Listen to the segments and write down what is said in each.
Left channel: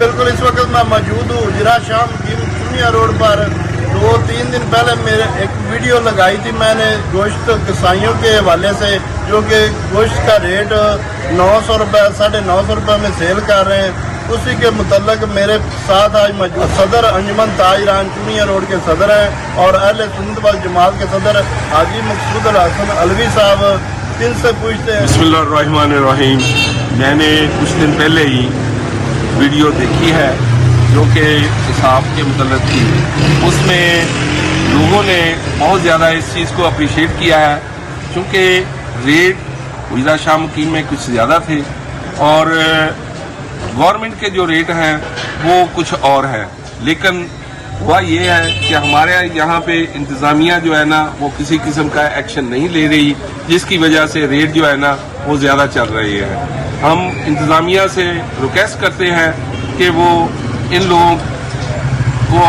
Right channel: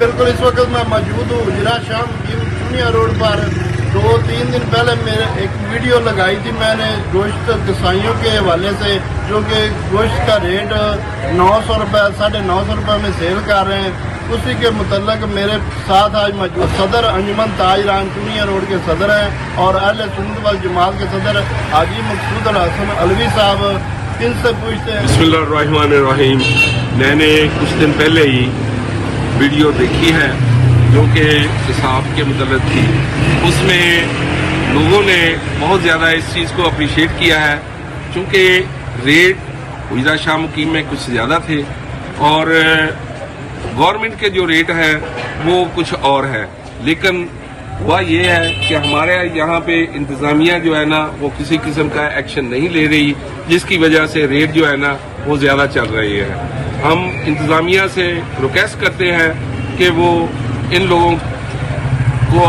बिल्कुल इस वक्त मैं मौजूद हूँ उजरा शाम चुनिया रोड पर। 2-3 दिन पहले मेरे एक वीडियो लगाई थी मैंने गोश्त कसाईयों के हवाले से, जो कि गोश्त का रेट 900 रुपये 950 रुपये में सेल कर रहे हैं। उसी के मुतल्लक मेरे साथ आज मौजूद सदर अंजुमन ताजरान चुनिया रोड के सदर हैं और अहले सुन्नत वल जमात के सदर हाजी मकसूद हसन अलवी साहब। दिल से पूछते हैं। बिस्मिल्लाहिर्रहमानिर्रहीम। मैंने कुछ दिन पहले ही वीडियो देखी है जो कि हिसाब के मुतल्लिक़ थी। उसमें लोगों ने बहुत ज़्यादा इस चीज़ को अप्रिशिएट किया है, क्योंकि रेट उजरा शाह मुकीम में कुछ ज़्यादा थे और गवर्नमेंट के जो रेट हैं वो कुछ और हैं। लेकिन वह ये है कि हमारे यहाँ पे इंतज़ामिया जो है ना वो किसी किस्म का एक्शन नहीं ले रही, जिसकी वजह से रेट जो है ना वो ज़्यादा चल रही है। हम इंतज़ामिया से रिक्वेस्ट करते हैं कि वो इन लोगों को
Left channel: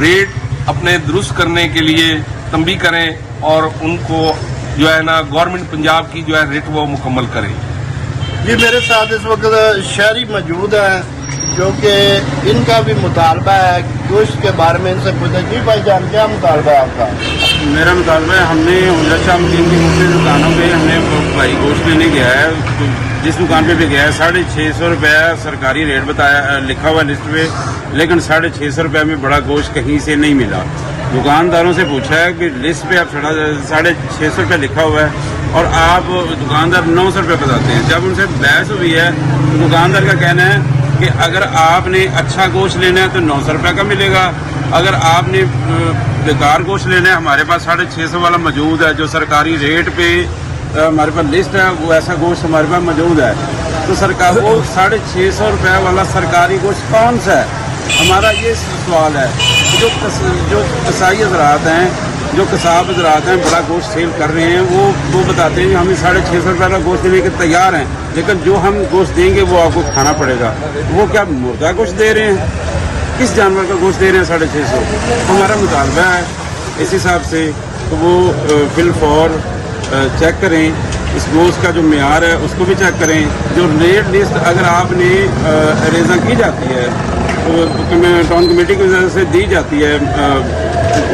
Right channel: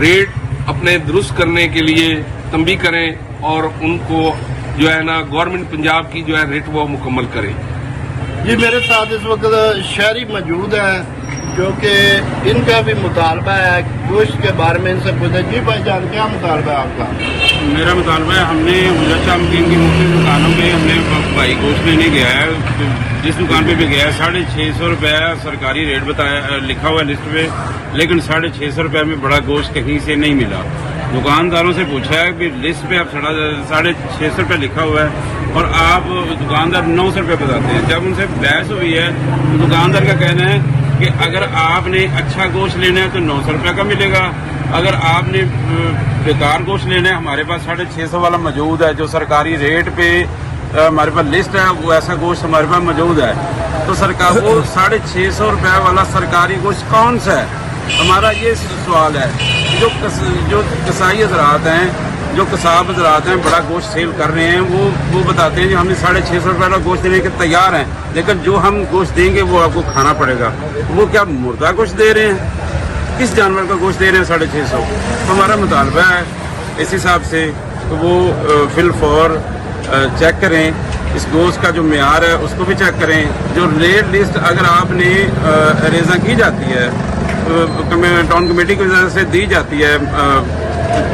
रेट अपने दुरुस्त करने के लिए तंबी करें और उनको जो है ना गवर्नमेंट पंजाब की जो है रेट वो मुकम्मल करें। जी मेरे साथ इस वक्त शहरी मौजूद हैं जो कि इनका भी मुतालबा है गोश्त के बारे में। इनसे पूछे जी भाई जान क्या मुतालबा है आपका? मेरा मुतालबा है, हमने उजरा शाह मुकीम की मुख्तलिफ दुकानों पे हमने भाई गोश्त लेने गया है। जिस दुकान पे भी गया है 650 रुपये सरकारी रेट बताया लिखा हुआ लिस्ट पे, लेकिन 650 रुपये में बड़ा गोश्त कहीं से नहीं मिला। दुकानदारों से पूछा है कि लिस्ट पे अब 650 रुपये लिखा हुआ है और आप दुकानदार 900 रुपये बताते हैं। जब उनसे बहस हुई है तो दुकानदार का कहना है कि अगर आपने अच्छा गोश्त लेना है तो 900 रुपये का मिलेगा, अगर आपने बेकार गोश्त लेना है हमारे पास 650 वाला मौजूद है जो सरकारी रेट पे हमारे पास लिस्ट है, वो ऐसा गोश्त हमारे पास मौजूद है। तो सरकार वो 650 रुपये वाला सरकारी गोश्त कौन सा है? हमारा ये सवाल है। जो कसाई हजरात हैं, जो कसाब हजरात हैं बड़ा गोश्त सेल कर रहे हैं, वो बताते हैं कि हम 650 रुपये वाला गोश्त देने के तैयार हैं, लेकिन जो हम गोश्त देंगे वो आपको खाना पड़ेगा। वो क्या मुर्दा गोश्त दे रहे हैं? किस जानवर का गोश्त दे रहे हैं 650? तो हमारा मुतालबा है इस हिसाब से तो वो फिल फॉर चेक करें, इस गोश्त का जो मेयार है उसको भी चेक करें। जो रेट लिस्ट अगर आपने रेज़ा की जाती है टाउन कमेटी की वजह से दी जाती है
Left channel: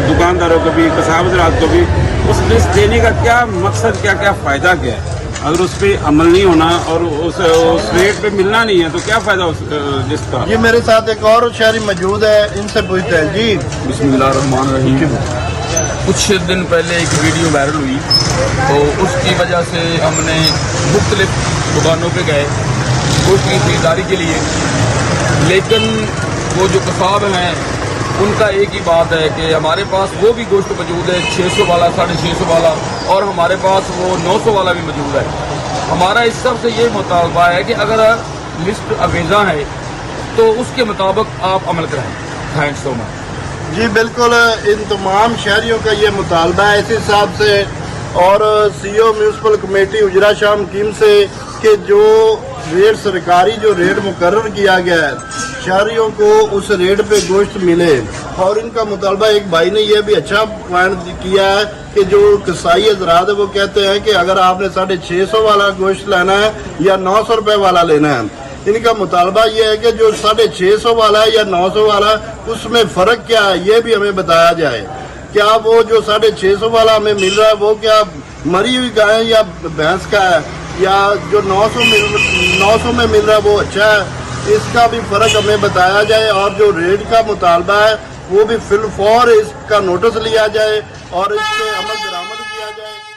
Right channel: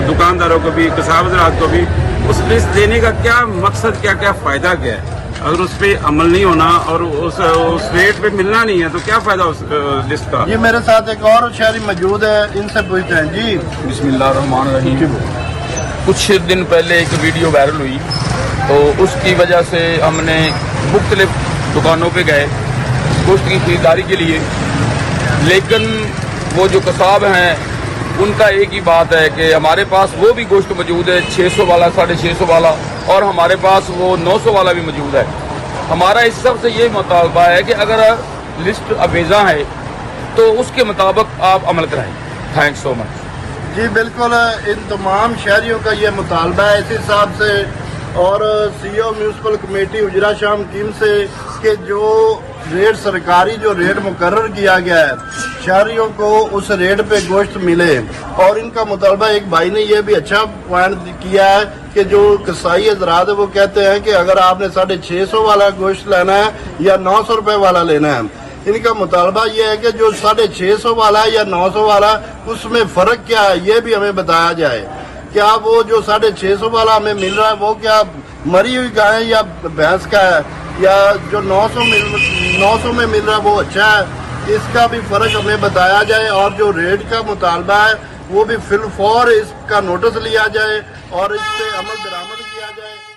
दुकानदारों को भी कसाब हज़रात को भी, उस लिस्ट देने का क्या मकसद, क्या क्या फ़ायदा क्या है? अगर उस पर अमल नहीं होना और उस रेट पे मिलना नहीं है तो क्या फ़ायदा उस लिस्ट का? जी मेरे साथ एक और शहरी मौजूद है, इनसे पूछते हैं। जी बिस्मिल्लाहिर्रहमानिर्रहीम। कुछ दिन पहले एक वीडियो वायरल हुई और उसकी वजह से हमने मुख्तलिफ दुकानों पे गए गोश्त की खरीदारी के लिए, लेकिन वो जो कसाब हैं उनका एक ही बात है कि हमारे पास वो भी गोश्त मौजूद है 600 वाला 650 वाला और हमारे पास वो 900 वाला भी मौजूद है। हमारा इस सब से ये मुतालबा है कि अगर लिस्ट अवेजा है तो उसके मुताबिक आप अमल कराएं। Thanks so much. जी बिल्कुल इन तमाम शहरियों का ये मुतालबा है इस हिसाब से और सीओ म्यूनसिपल कमेटी उजरा शाह मुकीम से कि जो रेट सरकारी जो रेट मुकर्रर किया गया है शहरियों को उस रेट पे गोश्त मिले। और इनका मुतालबा एक भाई ने यह भी अच्छा पॉइंट किया है कि जो कसाई हजरात है वो कहते हैं कि अगर आपने 650 वाला गोश्त लेना है या 900 रुपये वाला लेना है, इनका मुतालबा ये है कि जो 650 वाला है या 900 वाला उसमें फ़र्क क्या है ये भी हमें बताया जाए। क्या वो जो 650 वाला हमें मिल रहा है वो क्या मरी हुई गाय या भैंस का है, या जो 900 में मिल रहा है वो अच्छा है? इसका भी फ़र्क हमें बताया जाए और जो रेट का मुतालबा है वो भी फिल फॉर इसका नोटिस लिया जाए और इस पर अमल दरामद किया जाए।